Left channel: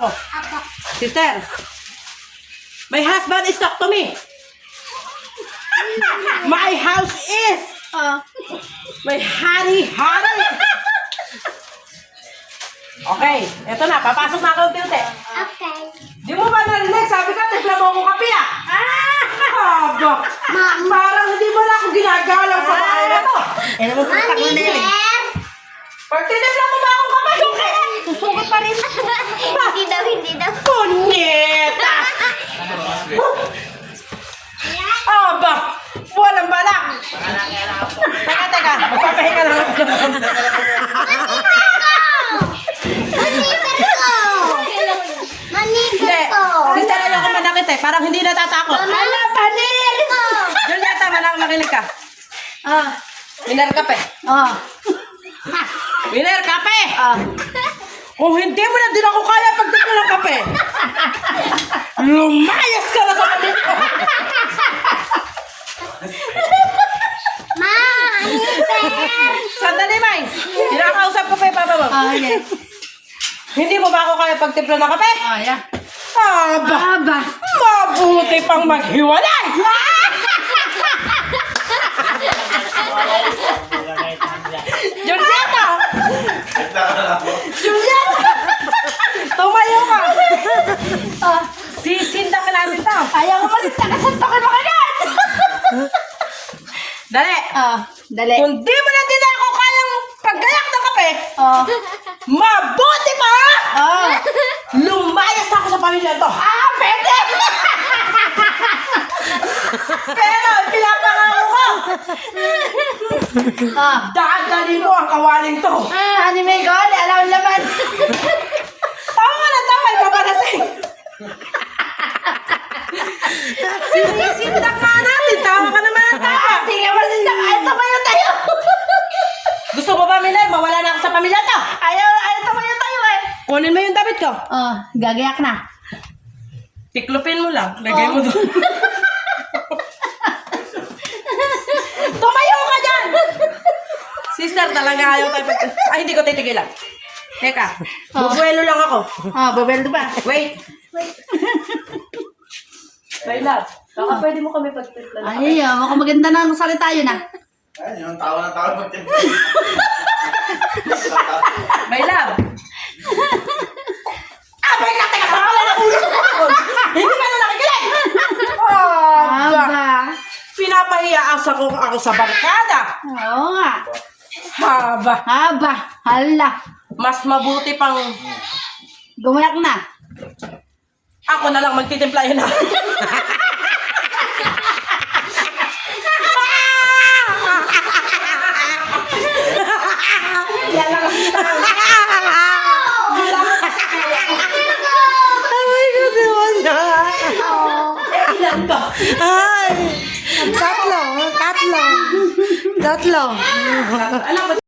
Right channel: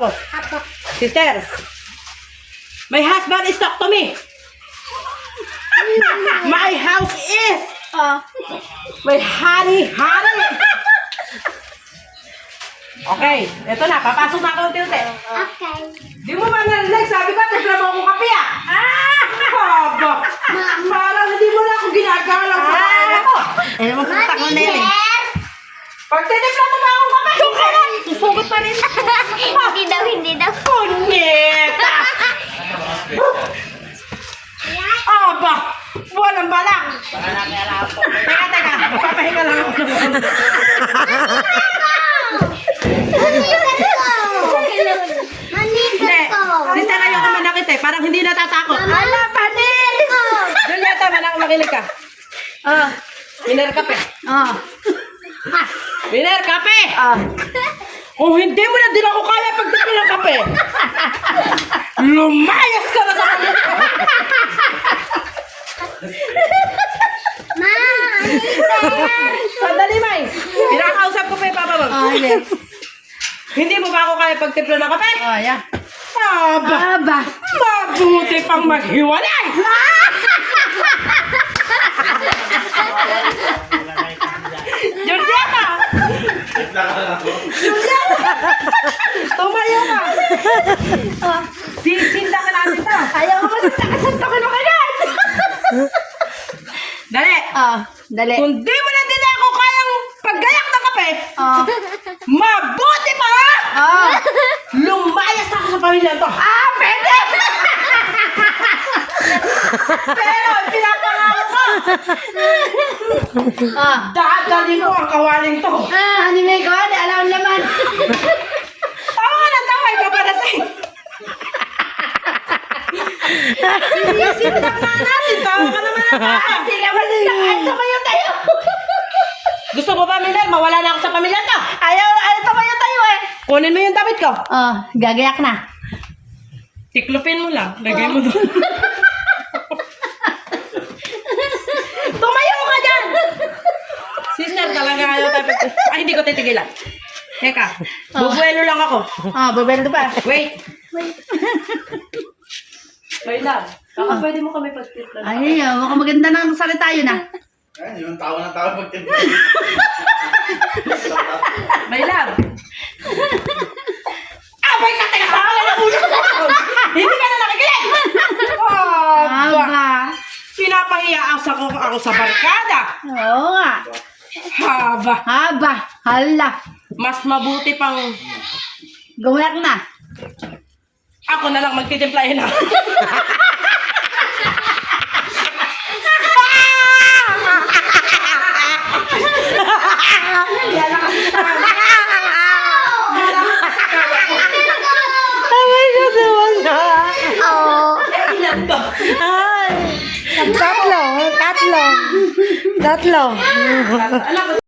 Apo. Sister, my husband is talk to me. My house is. My honey. Okay, eto na. Papasok na ako unti-unti. Okay. Di mo ba narinig? Sabi ka, timpla mo akong kape ah. Haba. Parang hindi mo na ako ginagalang sa bahay na to. Ano mo putak mo na yun? Pag tinimpla mo ba akong kape? Susugot pa rin. Hindi daw. Punyeta! Aba! Walang balak! Teka. Magpapahinga lang ako. Hindi. Sister, ayaw ko manakit eh. Parang hindi natatakot. Ala, panis! Julieta, makinig ka. Miner kape. Miner kape! Kung hindi mo na din ako kaya pagdito ng kape, lumayas ka na sa pamilya. Sandali, May. Pinakausap ko pa yung papa mo. Okay. Hindi mo ba ako kaya pagtimpla ng kape? Yeah. Aba! Mabuti pang maghiwalay! Julieta! Tumayo ka! Sisinda ka natin ito. Ayaw mo masasaksakin mo ka yan! Dali! Dali. Kung di mo na din ako kayang paggayak ng kape, mabuti pa! Lumayas ako sa pamilya to. Pwede! Pero pinapangako ko, dadalhin ko ang kawaling to. Anime ko, di alam naman. Tama ka na, tama. Ikaw ba nasing? Sinisimulan pa natin. Tama ka naman. Hindi ka ba tumayo tayo? Gusto mo ba, Miller? Mawala na ako sa pamilya to. Ayaw tumayo tayo eh. Kunin mo yung damit ko. Gagayak na. Tiklopin mo lang. Lagay mo doon. Tumayo ka dyan! Sister, talaga ayaw tayo Ay, hindi ko titigilan. Teka, bubuelo lang ako. Babel ba? Wait. Wait lang. Baka pwede mo kami pagtitlan. Ay, mukhang maganda na salita yun ah. Ay, yung tawa na tawa pag May love. Abay ka, teka, wala na ulo ko. Hindi ka na nakikinig. Aba. Pinapahiya ako sa barkada. Oo nga. Haba. Hala. Mas mabuti pang Gumulak na. ako na lang magtitimplahin na. Tatlo.